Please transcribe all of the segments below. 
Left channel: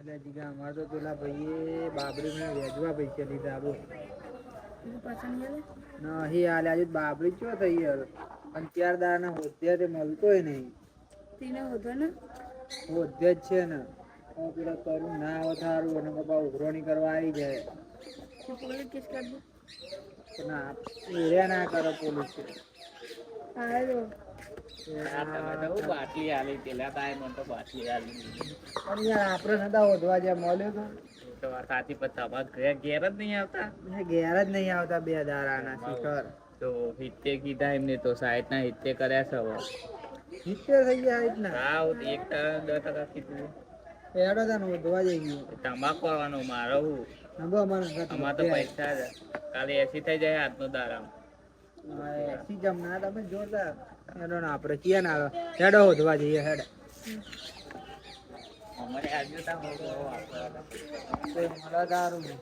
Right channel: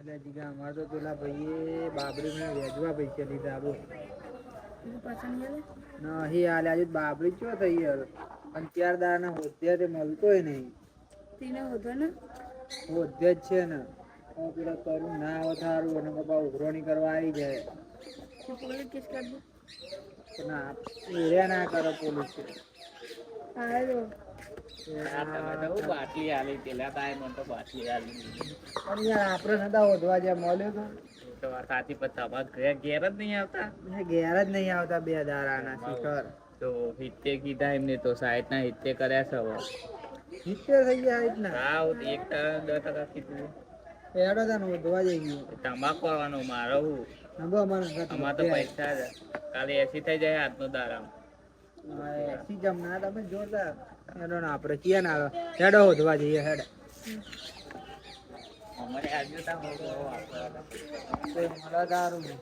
એટલે જીગા અમારે તો પેલા ભાઈએ બાબરીને વેચવા પૈસા લીધા બોલ. નહીં હાલે આજે બાબરી ચો થઈ યાર અને ચાર દાના હોદ્યા તે મળતોય નહીં. તીને હોતો ને હોદ્યા જ છે ને પેલા કરું ના આવે થારું અને બાપા ઉઘરોણી કરવા આવી જાય. પોલીસ કેસ કરી દે ના એરિયા ના કરે પોલીસ. હાલો બાટલી આલી પેલા તાય મને તો બાટલી આલી પણ યાર આપણે નતા હોદવા જ્યાં મળ્યો તો સાચી પત્તા ઘેર જ નહીં આવતા તો ઘેર જ નહીં આવતા બે દારાના શિખર તો હિત્તે કીધા એમને તો 60 ના હિત્તે કર્યા છે હવે 70 થઈ ગયા રીતના. હા 1% 10% કીધું એડો તને હોદવા જઈ ગયું તમાકુ કરવાનો મારો હું નબો અમારે તો પૈસા છે કાલે 80 થઈ જાય આજનો દારામ એસી જમના તમે જોરદાર હેડો ને આપણે ક્યાં ના આવે હેડો હોદવા જઈએ હેડ અમારે આજનો તામ મારા દારૂ ને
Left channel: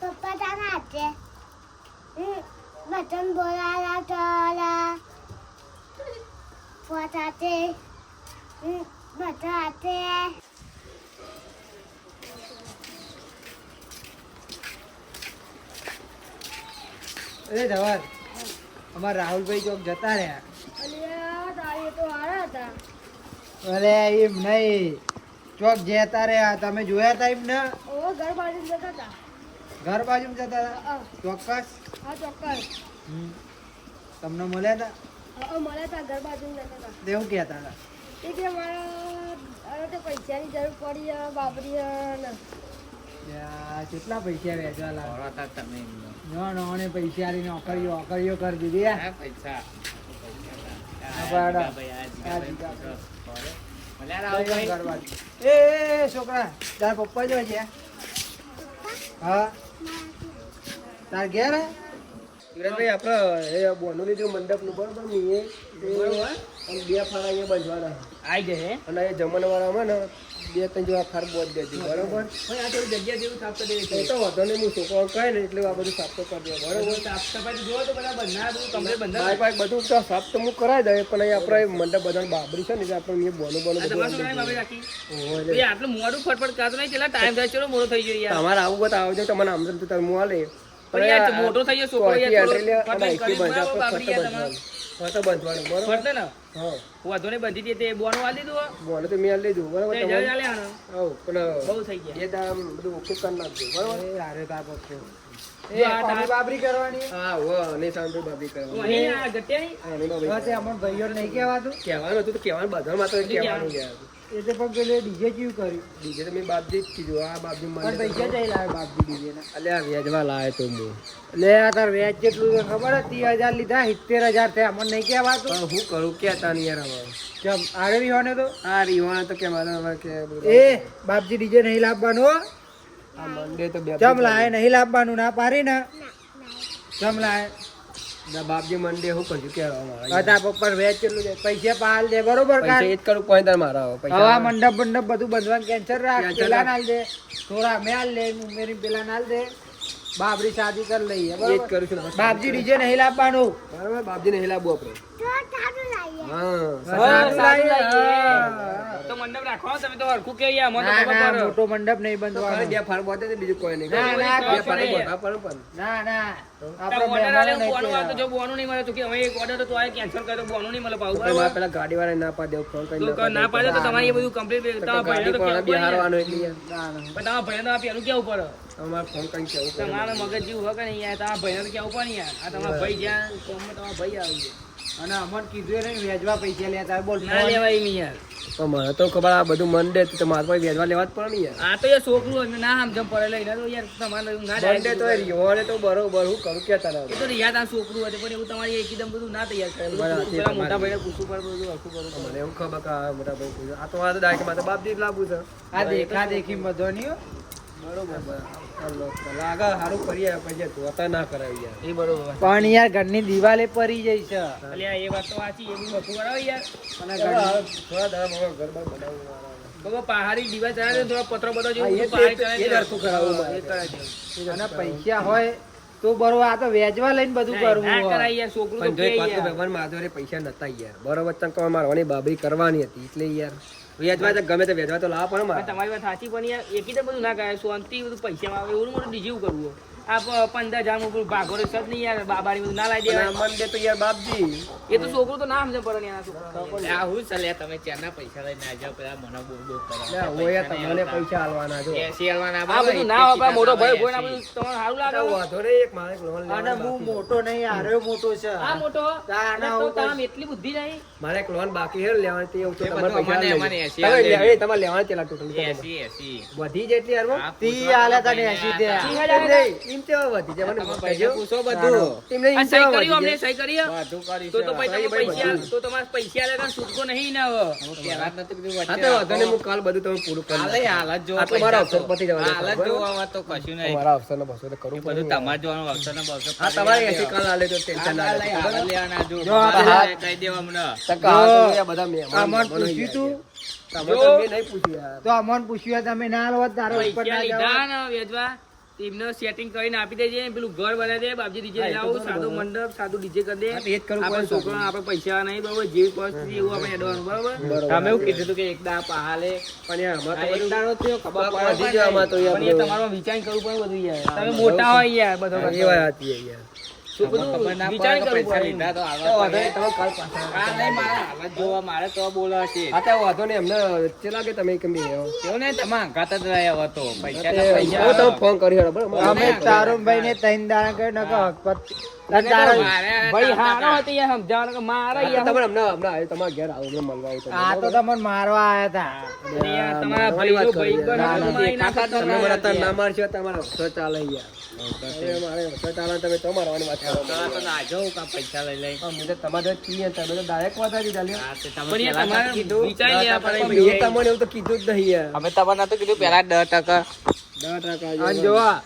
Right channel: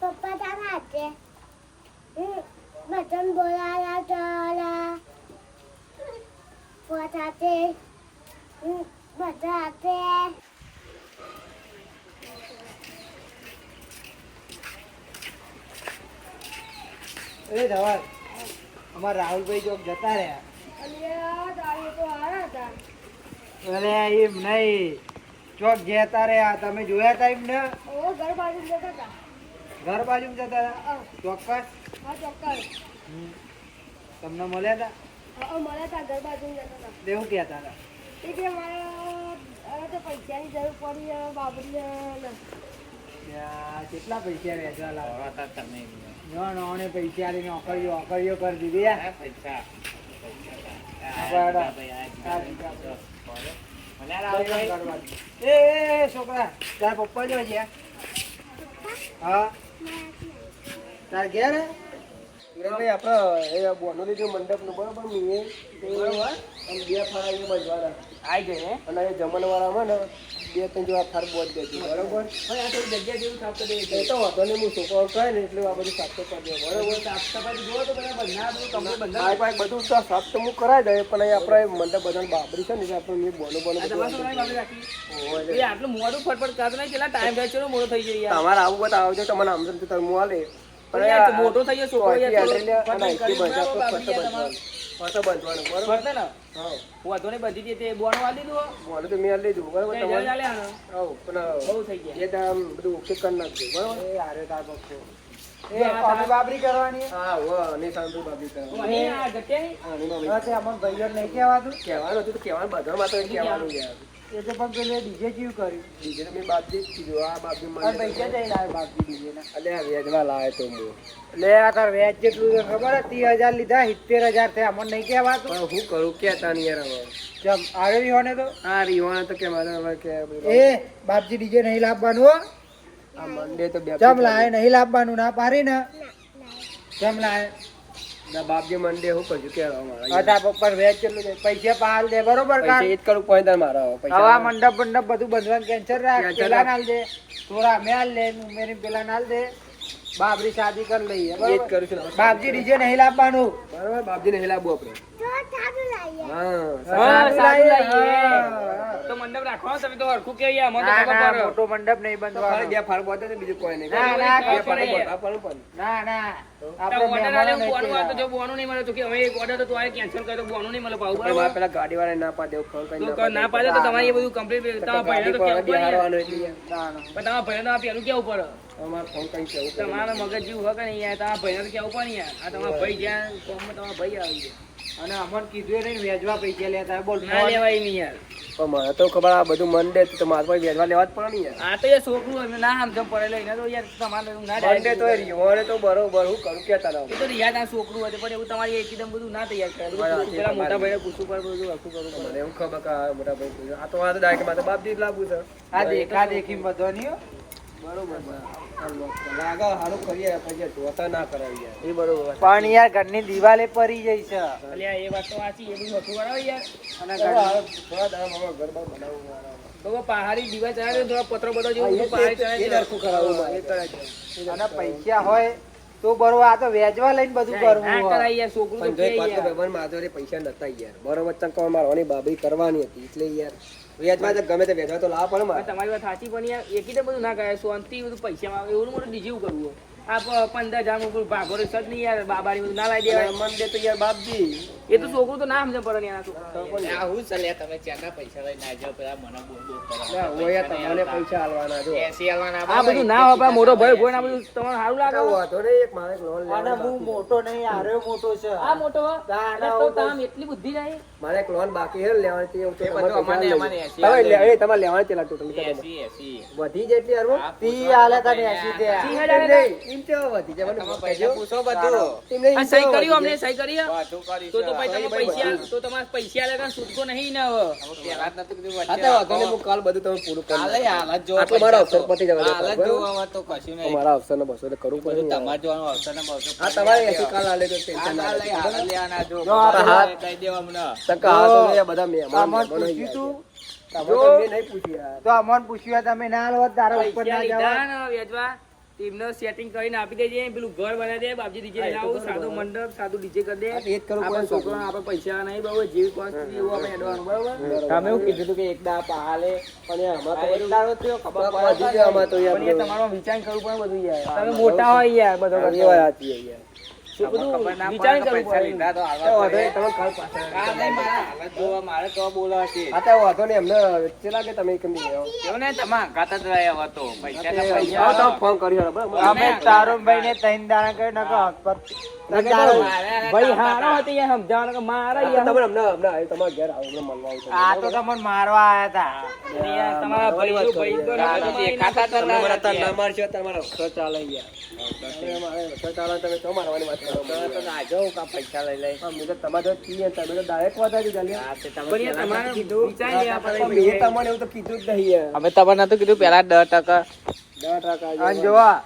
પપ્પા તારા હાથે બટન બોલાલા ચાલા પોતાતે બટાતે એ ધવલ અમાર રાહુલભાઈ ચોક જતા રહ્યા. અલ્યા તારી તો હારા હતા અરે એમ નહીં ચોક જતા રહ્યા તમે જોયા તા એમને ઓ ઘર બાજુ જતા હતા ઘર બાજુ જતા હતા હા ચોક્કસ. ચોક્કસ તમને મળ્યા હતા મળ્યા હતા ઘર બાજુ જતા હતા દેવું કહેતા હતા એ કે મારા અરે તો પૈસાની જરૂર પડી બાબરી ને કેટલા પૈસા વેચવા લાગે તમે ને પૈસા આલીને ઓકરીઓ કરી દીધી યાર. પૈસા એ છોકરા તાર પપ્પા જો ગયા હા તાર ગયા ને સુરેશભાઈ આપણે એ બોનું લીધું મંડપ નું બરોબર ને એ બે ફારા એ બંધવાના આઈ જાય અને એ જમણવાળામાં ને 2-3 જેવા ફાર બોજ દેતી બરોબર. આ તો જગ્યા જેવું સાફ કરી એ તો વાંધો નહીં હું છોકરો કહે ને એટલે આ બધું સાફ તો કરી દે બરોબર. સાફ સફાઈ જુઓ તો બધા બંધા તમને બંધા ભાઈ ભાઈ બધું તો સાફ તો હું કરાવી દઈએ પણ અહીં આપણે મંડપ બધા બાબરી છે ને એટલે આપણે બોનું આટલું મોડું ફટફટ કરતો નહીં પેલા ટાઈમ થાય ચલો મોડો થઈ ગયો યાર તમારે આવું બધા આવજો તમને આમ તો તમે હું આલે પણ યાર મોટો થઈ ગયો છોકરો યાર ફટો બંધવાનું બરોબર ફરતે ને હા વાંધો નહીં બધી દે તે બોનો આલી દીધું બોનું તો મેં લીધું બરોબર તે તમારે ચાલે હણ આવ પણ બહુ થઈ ગયા એ દામ બધું ઓકે કરી નાખજો બરોબર. એ હારે તાર બચ્ચો એ આ તાર બાબરી કરવાની હા હો અને સાંભળી બાબરી કરવાની અહીં આ ગટ્યા એની બાબરી તે અમન ભાઈઓ નહીં કહેવાતું કહેવાનું હતું તો કહેવાનું બધામાં તો કહેવાનું યાર એ તો પણ પેલે ડીજે કેવું કર્યું ડીજે તો મેં બાપજી જ કીધું આ બાપજી મને પૈસા જઈ લાવે બાપજી ડીજે ના અલે આ વેચવા લાવે તો હું લે આ તાર વેચ કેટલું છે ખબર હે 30,000 લીધા 70,000 થયા અમને નહીં કહેવાતું હું કરું કેતા નહીં યાર હવે ચમ આરે રીવાને તો આ રીવાને તો કે મારે હવે કે એ બાપજી ડીજે નહીં લાવવાનું હો આ મંડે તો બે ચમ લાય નહીં લાવવાનું ના પારી ને ચમ લાય ના બાપજી મંડે હું કજુ કે મારા પપ્પા વેચ કેટલું છે પૈસા પાલ દે બરોબર કા એ જ કરું પોઈન્ટ મારા પૈસા હવે મંડપ બધું બંધવાનું ટેન્શન રાખ પેલા નાલ દે થોડા મે આલ લે મેરી પેલા નાલ દે બાબરી શાદી કરી લઈએ બરોબર એ જ કરું છું બાપજી ડીજે નહીં લાવવાનું બરોબર બાપજી નહીં લાવવું આપણે તો મંડપ રાખવાનો તમે તો હરખું કે યાર મને તો ખબર મોટો મંડપ નહીં બંધવાનો બે ફાર બોતે બીજું કોઈ નહીં ના ના ઓર્ડર આલે હું બોનું આ તો જો બોનું નહીં મળે તો કે હવે એક ઓર્ડર તો આ કેન્સલ કર્યો બોનું નહીં મળે પાઉ બરાબર પેલા ગાડી વાળા ના પાડે ફોન કરી તો ના પાડે તો તમારે એ બધું કમ્પ્લીટ તમારા ભાઈને તો કેવું પડે હારવાનો એટલે પણ તમારા ભાઈને તો પેલું કેવું પડે અમાર ફોન કરી કેવું તમારા મગજ જેવું હોય કે નહીં યાર તમારા ભાઈને તો કેવું પડે યાર આ તમારા ભાઈ જ્યાં કોમમાં તમારા ભાઈ આવી જાય અને અમન કીધું ને વેચવા પૈસા લેતા બોલ ના લેવાય નહીં યાર પણ મને તો ખબર આ બધું મન દે તો મારા પાસે વેચવા લેવા જ પડે ને યાર આ તો યાર છોકરું હોય ના સમજમ પડે લઈને તો યાર તમારે ના મંડે તો રીવાને તો બરોબર હું કરું કે તારા એ તો યાદ આ છોકરું હતું પણ એવું તમારી એકદમ બધું ના તૈયાર કરે પેલા મોટા ભાઈને પૂછવું પડે બધું આખું કરું મને એવું ખબર કે આ મોટા ભાઈ આ તો આ તો ડાયરેક્ટ માથે બાપજી જ લાવવું છે આ દેખા દેખી બધો નહીં બરોબર લાગે સારું કરીએ પછી જોતા ના કરાવી યાર એ બરોબર પણ યાર ઘરની દિવાલે પડી જઈ છે અલ્યા એ વાત તો સાચી એ બધું હતું કરાવે યાર અને થોડા દાડા ઘર બાર બનાવવું બાબા પહાડી દિવાલ ચડાવે થોડા પત્રો બધો જેવું પહાડી ચડાવે એ હરખું કરાવવું એ કરાવે અને પૈસા હોય તો બરોબર આ તો વેચવા લઈને બધું કરવું ના હોય. કરાય યાર, છોકરું તો પણ જો એક કે વાત તો યાર. ભગવાન માધવરે પૈસા નતા યાર બરોબર ચંકવા મારવાની બાબી કરવાની હતી એટલે યાર વેચવા તો ગમે તે વેચવા તો લાવવા પડે પણ મારે. તમારી વાત સાચી, પણ યાર એકી તો બધું ના કરાય, શાંતિ બધું પૈસા આવે એવું મોટું ડીજે કરવું હોય. આ 15,000 ઉપર ભાગો રે સદ નહીં યાર, બાબાની બધું ના લાવી અને દેવાય. મન દે તો યાર બાપજી એ તો છોકરું તો ના સમજે પડે ને એના છોકરા. આવું ચાલે તમે ચારના પૈસા લઈને ના જાઓ પેલા મને બોલ બોલ કરો. લે, હોય તમને પૈસા આલવાના જો 80 આલવાના આ બધું ના વાપરા, મોટો ભાઈ કોઈ ના બધું તમારે સારું લાગે આ હો. વાંધો નહીં, એક મારે લોન અને લેવાની હું બાકી મોટો નહીં આર્યો મોટો છે આ મોટો હો. તારે અને તો તામ એટલી બુદ્ધિ નહીં. મારે એક લોન બાકી છે લેવાની તે એ તમારે બધું પૈસા અમને લઈ 80 તમારે આલે. તમારે લેવાની કેટલા ટોટલ 80 વધી જાય એટલી હારમાં? આ તી આલે તને 80 દે ઈ એમ હજાર નહીં, એમ કેવા વધી જાય મને તમે કહેજો. પૈસા પૂછો બધું એમ નહીં, આ એમ સહી કેવા કરી વધી અમને જાય? સહી કરી બધું કરીશું. તો પછી તમે ભાઈ, પૈસા બધું. તો તમારે પૈસા લેવા છૂટકો નહીં ને હવે. પહેલા જ નતું કીધું હા વચ્ચે તો વાંધો નહીં, રાખો. હું કાલ બધું તમે પૂરું કરી હાલે નાખીશ. હાલ જ જોવો આટલો મારો પૈસા અવસર પતી જવા દે, હાલ જ બરાબર? જોવો તો કશું નહીં. મારા અવસરને બસો તો કરવું બધું પડે. તમારે જોવાનું આવશે ને બવશે. હા તમારે 80 કાલ આલે તો ટેન્શન ના હાલ લેજો, લઈ, બરાબર? હાલ લેવાના જો. જો આ બધા પેલા- કહી દેવા હમણાં. ટકા જો, હા તો બધા મહેમાન આમાં બની પૂછ્યું તું? ગયા. તમે તો મેં નહીં પૂછ્યું યાર. તો અમોન પૂછ્યું તમે ના લો તારા ઉપર પૈસા ના જાવ લીધા ને વેચવા, તેમને સેટિંગ કરીને આપી દેજે, પેલું ઘર બનાવી દે, બાપજી ડીજે લઈને આવું, સાદું મંડપ, સાદું ડીજે કરી દે. હા, તો એ જ કરવું આપણે પડે. છોકરાને આપણે પૈસા નહીં, બરોબર, જેવી પરિસ્થિતિ એવું આપણે એડવાનું, બરોબર. બરોબર. તમે એવું કીધું હતું કે એક દા પહાલે પણ યાર આમાં તો એક બધું દાડો થયો ખબર ટક પડે વધી જાય આમાં તો યાર પણ એ બધું. તમારો વિચાર કરવું પડે બધું યાર. તમે મોટા હોય યાર, બધો એ કરતા. વાત સાચી છે યાર. શું ખબર બધું ના વિચાર પડે કે કરવું પૈસા પડે. લીધા તો તો આવવા વાંધો પડે. નહીં, તમે કાલ પાછા આ નહીં, મારે હાલત જોવા, મારે તો બોલાવા છે. હા તો વાંધો નહીં, એમને વચ્ચે લાગે તમે કેમ નહીં આવો? કેવું ને તમે અંગાત જ રહ્યા હતો પૈસા હા, ના તે પૈસા આવો તમે ફોન કર્યો હતો, બરાબર? અમે તારુણભાઈ ને 3 દાણા કહે નકો હકપત ભાઈ હારા હતી યાર, સમજાવવાનું કે મારા હા, યાર. તો તમને હમણાં આવ્યું, તમારા ઘેર આવો, હમણાં મળવા આવ્યું તમને, આ તો બરાબર? તમને મારવા આયા હતા અને યાર તમારા મારવાની વાત ભાઈઓ કરી ભાઈબંધ યાર. તો મારી નાખે દેખાતા તમને તમને. મારા ત્યાં ના મારશો, તમારો અવસર ચાલે યાર. હવે મારે અવસર ચાલે, તમે તો મારવાની વાત કરો. તો ના જાઓ કા પૈસા લઈ લઈ. અમે તો તમારે તો છીએ, તમે તો direct વાત આવી ચાલી. હા, તે તમે પણ યાર પહેલા તમારે નતું કીધું. વિચારી લેવા પડે પણ ભાઈ. મેં તમને એવું તો કીધું જ નહીં યાર. અમે તમને નતું કીધું પેલા 10%. 10% અને જોવા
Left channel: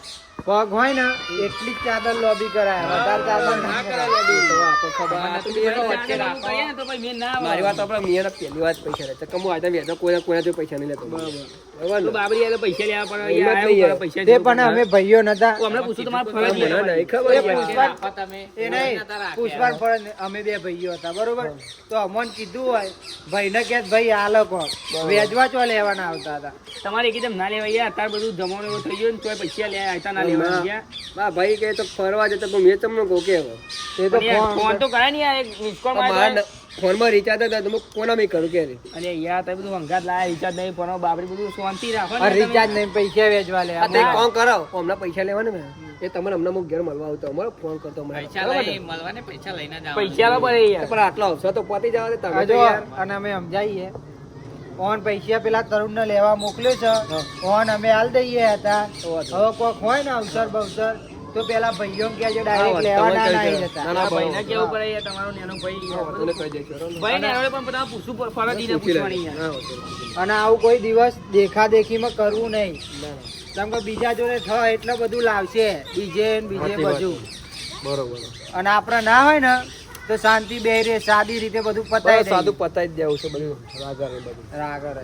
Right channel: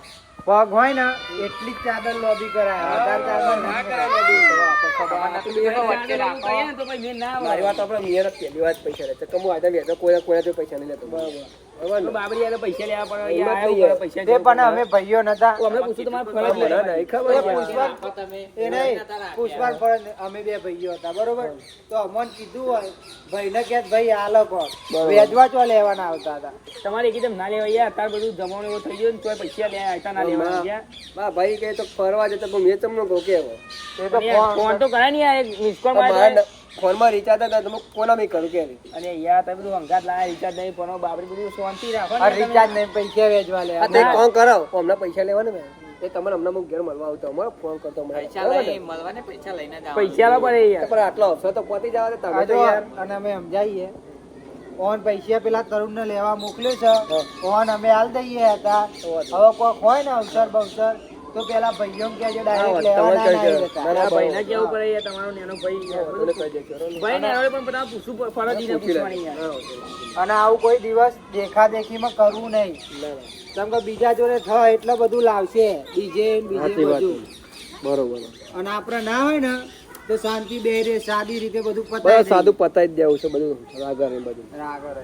પગ હોય ને એટલી જ ચાદર લોબી કરાય વધારે ચાદર ના કરાય તો આપણે ખબર આ તો બે ભાઈ વચ્ચે ચાલો રાખો. કરીએ ને તો ભાઈ મેં ના આવે. મારી વાત આપણે મિયાને પહેલી વાત પૈસા લે તો આજે વેચો કોઈના જોડે પૈસા નહીં લેતો બરાબર તો ને? બાબરી યાર પૈસા લેવા પડે એમ જ યાર, નહીં આવું કરે, યાર. પૈસા તે જરૂર પણ પડે. અમે ભાઈઓ નતા તો અમને પૂછ્યું તમારે મને ફરજ યાર. નહીં ખબર એ યાર. પૂછવા રાખો તમે. એ નહીં પુષ્પાન ફળ અમે બે ભાઈઓ હતા બરોબર તો અમોન કીધું હોય ભાઈને કે ભાઈ આ લોકો વેચવા ચો લેવાના આવતા હતા તમારે એકદમ ના લેવાય યાર, અત્યારે બધું જમાનો એવો થઈ ગયો ને તોય પૈસા લે આવતા ના લેવાના યાર. મારા ભાઈ કહે તો ફરવા જતો પણ મેં તમને કહું કે હવે. એ તો પણ યાર, ફોન તો કરાય ને યાર, એક miss call મારી મારા દે. ફોનમાં રિચાર્જ હતા તો હું કોના મેં કરું કે અને યાર તમે બધું અંગાત લાયા, રિચાર્જ નહીં, ફોન બાબરી બધું શાંતિ રાખો ને તમે. રિચાર્જ નહીં પૈસા વેચવા લે આ તો એક કામ કરાવો હમણાં પૈસા લેવાને ને એ તમારે હમણાં હું ઘેર મળવા આવતો અમારો ફોન કરતો હમણાં. પૈસા બરાબર લઈ ને? મળવાને પૈસા લઈને જ પૈસા લા પડે યાર. પણ આટલો અવસર તો પતી જવા દે તમે તો જો યાર. અને અમે સમજાઈએ ઓન પૈસા પેલા તરુણ ને લેવા મોકલ્યો છે ઓન અમે હાલ દઈએ હતા હવે કોઈ હોય ને અવસર બવસર તો પેલા ભાઈઓ કે ડાયરેક્ટ લેવા ના આવી જતા ના, ના, ભાઈને કેવું પડે યાર, તમારો નાનો ભાઈ યાર. તને કહી દઈશું, બરાબર ને? ભાઈ ને હવે પણ બધા પૂછવું પડે, ફરજ ઈને પૂછી લે. પૂછવાની યાર. હા, વાંધો અને આવું કોઈ દિવસ દેખા દેખીમાં કરવું નહીં નહીં. ના, ના. કેમ કે બીજા જોડે થાય એટલે બધું લાવશે બીજે ને બીજે સાચી વાત બધું છે. બરોબર અને આપણે ના હોય ને તો શાંતિ બે રે સાદી રીતે બધું બસ પતાવી સાદું પતાઈ જ દેવું છે બધું રાગા ને બધું. રાગર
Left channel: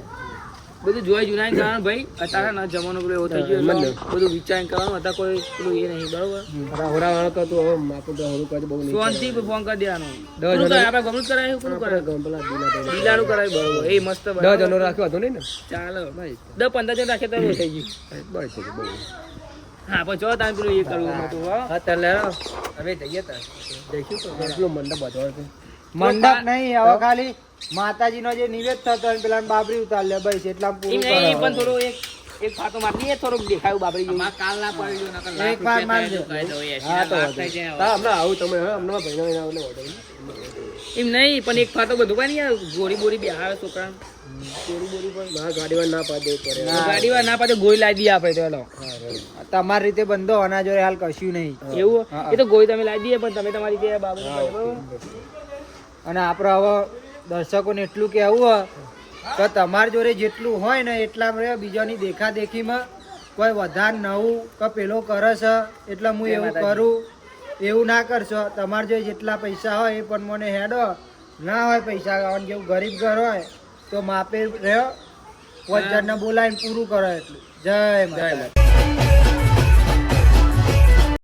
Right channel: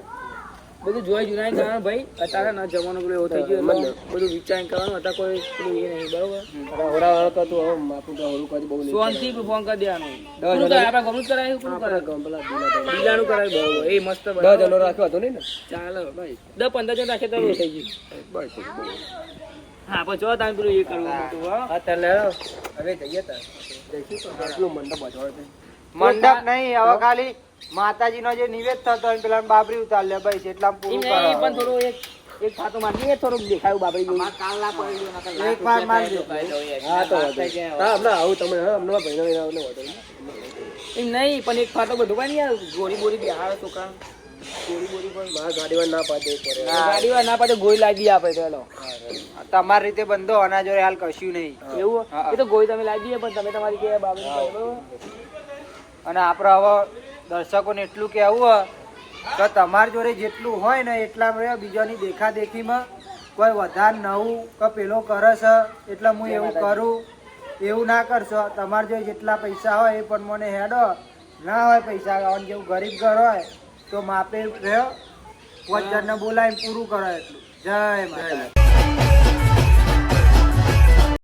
બધું જોઈ જુનાઈ કરવાનું ભાઈ, અત્યારે ના જમાનો પેલો એવો થઈ ગયો એમ જ એટલે બધું વિચાર કરવાનું, અત્યારે કોઈ પેલું એ નહીં, બરોબર. હોરા તો તું હવે માથું તો હોરું કાઢી બહુ નહીં શાંતિ ફોન કરી દેવાનું. દસ કોનું જણા- કરાય? આપણે ગમનું કરાય, કોનું આપણે કરાય? ગમ પેલા દીલા લીલાનું કરાય, બરોબર. એ મસ્ત, 10 બરાબર. જણો રાખ્યો હતો નહીં ને? ચાલો. ભાઈ 10-15 જણ રાખે તો એવું થઈ ગયું. બસ છે, બહુ. હા, પણ જો તાન પેલું એ કરવું નતું, હો. હા તાર લે હવે જઈએ તાર જઈશું તો એટલું મંડપ બધો હતો. મંડપ નહીં હવે ખાલી માતાજી નો જે નિવેદ થતો હોય ને પેલા બાબરી ઉતાર લે બસ એટલા એમ પૂરું નહીં, કરો. પણ થોડું એક ફાતો મારી દઈએ, થોડુંક દેખાયું બાબરી જેવું. અમારે કાલ ના પડી ગયું, નકર એક વાર મારજો. હા તો વાંધો નહીં. હા હમણાં આવું તમે હા હમણાં ભાઈનો એને આવું વાંધો નહીં. એમ નહીં, પણ એક ફાતો બધું પાય ને યાર, ગોળી બોરી બેહાડે છોકરા. ગોળી બોરી પણ મારા ગાડીમાં ના પાડે પડે. ગાડી વાળા ના પાડે ગોળી લાવી દઈએ આપણે તો હેલો. હા, રેડી. તમારી રીતે બંધો આના જોડે હાલ કશું નહીં એવું હા. એ તો ગોળી તમે લાવી દઈએ, પણ તમે તમારી કે બાબરી બરોબર. અને આપણે હવે દર્શકોને એટલું કહેવું હોય કે તમારી જોડે જેટલું હોય ને એટલા રહે બીજાની દેખા દેખીમાં કોઈ વધારે નવું કે પેલો કરે છે એટલે હું એવું કરું એવું ના કરશો. તમારા જોડે જેટલા પૈસા હોય એ પણ મને હેડો, ના હોય પૈસા અને જેવું ગરીબ ઘર હોય તો માપે રહ્યો 5 જણને બોલાવીને પૂરું કરો એટલું. જય માતા.